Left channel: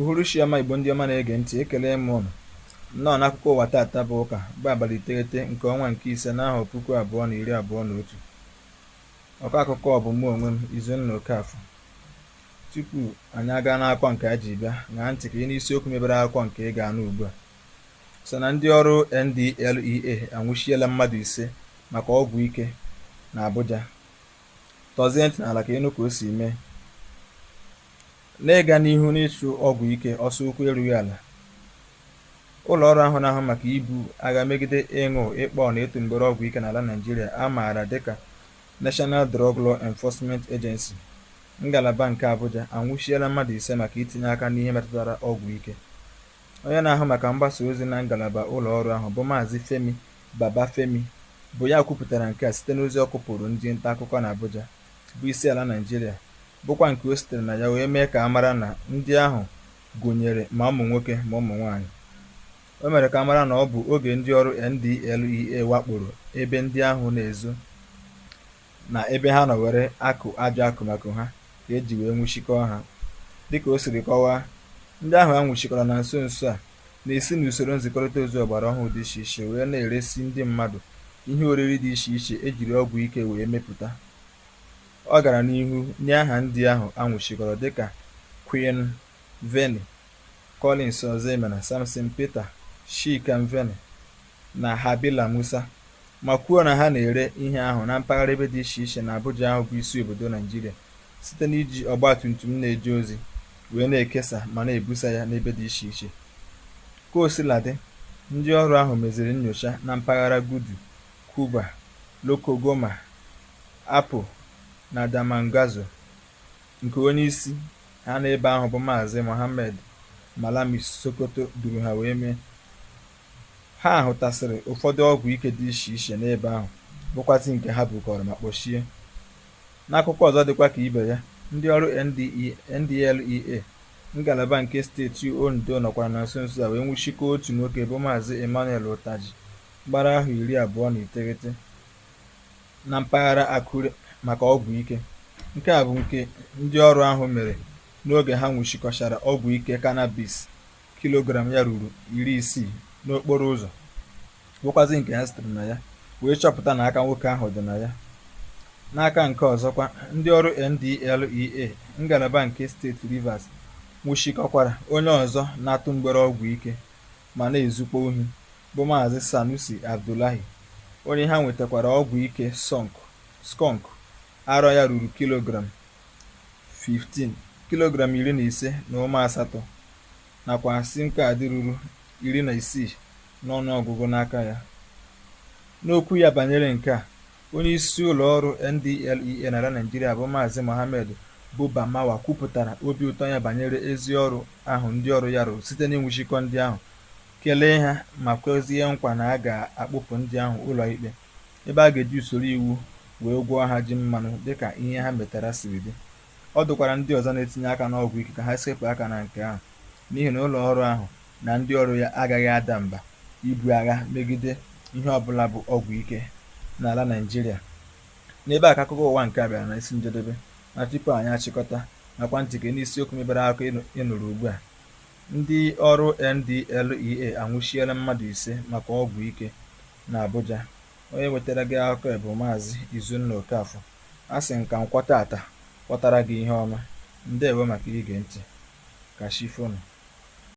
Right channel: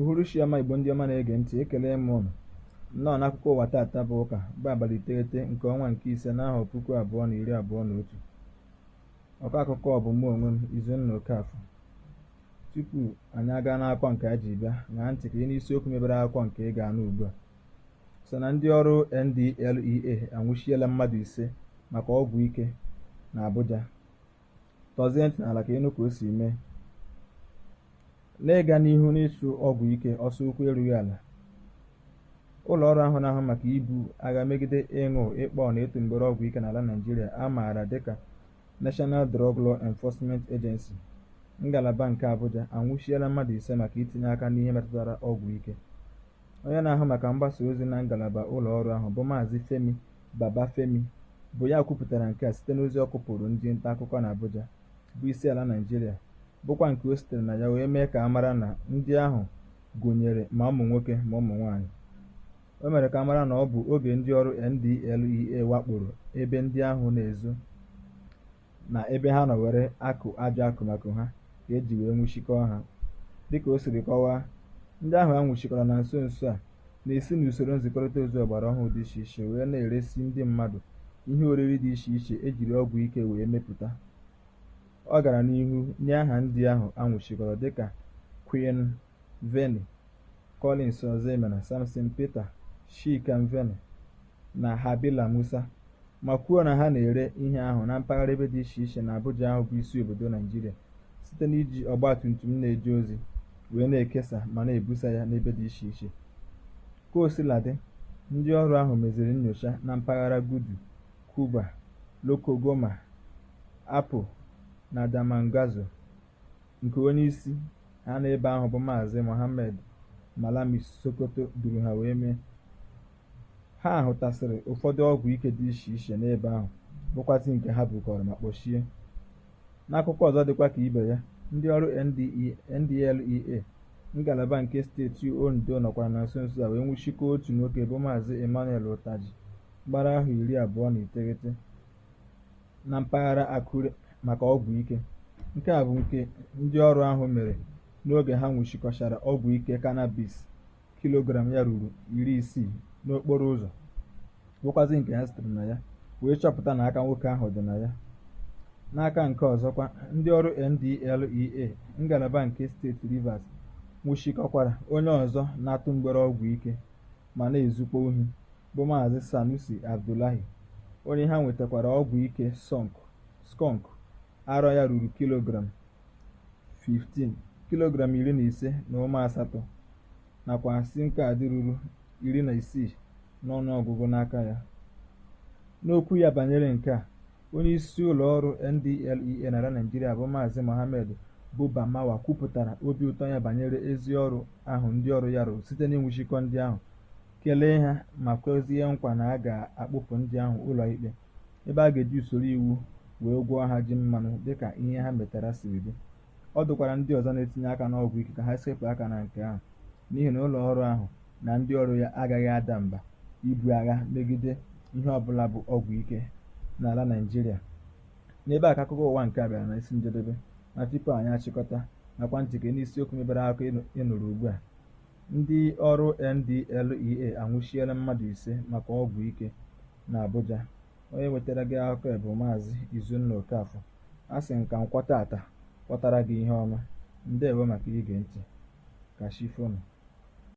Uhuruchi ọma Igbo ndị ọma na-ege ntị, ekele m ụnụ nnọọ n'akụkọ ụwa tata bụ ụka bụ abalị 9 nke ọnwa nke ise n'ahọ 2021. Ọkọ akụkọ ọ bụ mụ onwe m Izunna Okafọ. Tupu anyị aga n'akụkọ nke a ji bịa, ṅaa ntị ka ị n'isiokwu mebere akụkọ nke ị ga-anụ ugbu a. So na ndị ọrụ NDLEA anwụchiela mmadụ 5 maka ọgwụ ike na Abuja. Tọzie ntị n'ala ka ịnụ ka o si mee. N'ịga n'ihu n'ịchụ ọgwụ ike ọsọ ụkwụ erughị ala, ụlọ ọrụ ahụ na-ahụ maka ibu agha megide ịṅụ, ịkpọ na ịtụ mgbere ọgwụ ike n'ala Naịjirịa a maara dịka National Drug Law Enforcement Agency ngalaba nke Abuja anwụchiela mmadụ 5 maka itinye aka n'ihe metụtara ọgwụ ike. Onye na-ahụ maka mgbasa ozi na ngalaba ụlọ ọrụ ahụ bụ Maazị Femi Babafemi bụ ya kwupụtara nke a site n'ozi ọ kụpụrụ ndị nta akụkọ na Abuja bụ isi ala Naịjirịa, bụkwa nke o sitere na ya wee mee ka a mara na ndị ahụ gụnyere ma ụmụ nwoke ma ụmụ nwaanyị. O mere ka a mara na ọ bụ oge ndị ọrụ NDLEA wakporo ebe ndị ahụ na-ezo na ebe ha nọ were akụ ajọ akụmakụ ha ka eji wee nwụchikọọ ha. Dịka o siri kọwaa, ndị ahụ a nwụchikọrọ na nso nso a na-esi n'usoro nzikọrịta ozi ọgbara ọhụrụ dị iche iche wee na-eresi ndị mmadụ ihe oriri dị iche iche ejiri ọgwụ ike wee mepụta. Ọ gara n'ihu nye aha ndị ahụ anwụchikọrọ dịka Queen Veni, Collins Ozemena, Samson Peter, Chika Mvene na Habila Musa, ma kwuo na ha na-ere ihe ahụ na mpaghara ebe dị iche iche na Abuja ahụ bụ isi obodo Naịjirịa site n'iji ọgbatumtum na-eje ozi wee na-ekesa ma na-ebusa ya n'ebe dị iche iche. Ka o sila dị, ndị ọrụ ahụ meziri nnyocha na mpaghara Gudu, Kuba, Lokogoma, Apo na Damangazo, nke onye isi ha n'ebe ahụ bụ Maazị Mohammed Malami Sokoto duru ha wee mee. Ha hụtasịrị ụfọdụ ọgwụ ike dị iche iche n'ebe ahụ, bụkwazị nke ha bukọrọ ma kpọchie. N'akụkọ ọzọ dịkwa ka ibe ya, ndị ọrụ NDLEA ngalaba nke steeti Ondo nọkwara na nso nso a wee nwụchikọọ otu nwoke bụ Maazị Emmanuel Utaji gbara ahọ 29 na mpaghara Akure maka ọgwụ ike. Nke a bụ nke ndị ọrụ ahụ mere n'oge ha nwụchikọchara ọgwụ ike cannabis kilogram ya ruru 60 n'okporo ụzọ, bụkwazị nke ha sitere na ya wee chọpụta na aka nwoke ahụ dị na ya. N'aka nke ọzọkwa, ndị ọrụ NDLEA ngalaba nke steeti Rivers nwụchikọkwara onye ọzọ na-atụ mgbere ọgwụ ike ma na-ezukwa ohi bụ Maazị Sanusi Abdullahi, onye ha nwetakwara ọgwụ ike skunk arọ ya ruru kilogram 15 na ụma asatọ nakwa sim kaadị ruru 16 n'ọnụọgụgụ n'aka ya. N'okwu ya banyere nke a, onye isi ụlọ ọrụ NDLEA n'ala Naịjirịa bụ Maazị Mohammed Buba Marwa kwupụtara obi ụtọ ya banyere ezi ọrụ ahụ ndị ọrụ ya rụrụ site n'ịnwụchikọ ndị ahụ, kelee ha ma kwezie nkwa na a ga-akpụpụ ndị ahụ ụlọ ikpe ebe a ga-eji usoro iwu wee gwọọ ha ji mmanụ dịka ihe ha metara siri dị. Ọ dụkwara ndị ọzọ na-etinye aka n'ọgwụ ike ka ha sepụ aka na nke ahụ, n'ihi na ụlọ ọrụ ahụ na ndị ọrụ ya agaghị ada mba ibu agha megide ihe ọbụla bụ ọgwụ ike n'ala Naịjirịa. N'ebe a ka akụkọ ụwa nke a bịara na isi njedebe, na tupu anyị achịkọta, nakwa ntị ka n'isiokwu mebere akụkọ ịnụrụ ugbu a. Ndị ọrụ NDLEA anwụchiela mmadụ 5 maka ọgwụ ike na Abuja. Onye wetara gị akụkọ bụ Maazị Izunna Okafọ. A sị nka nkwọ tata kpọtara gị ihe ọma. Ndewo maka ige ntị. Ka chi fonu.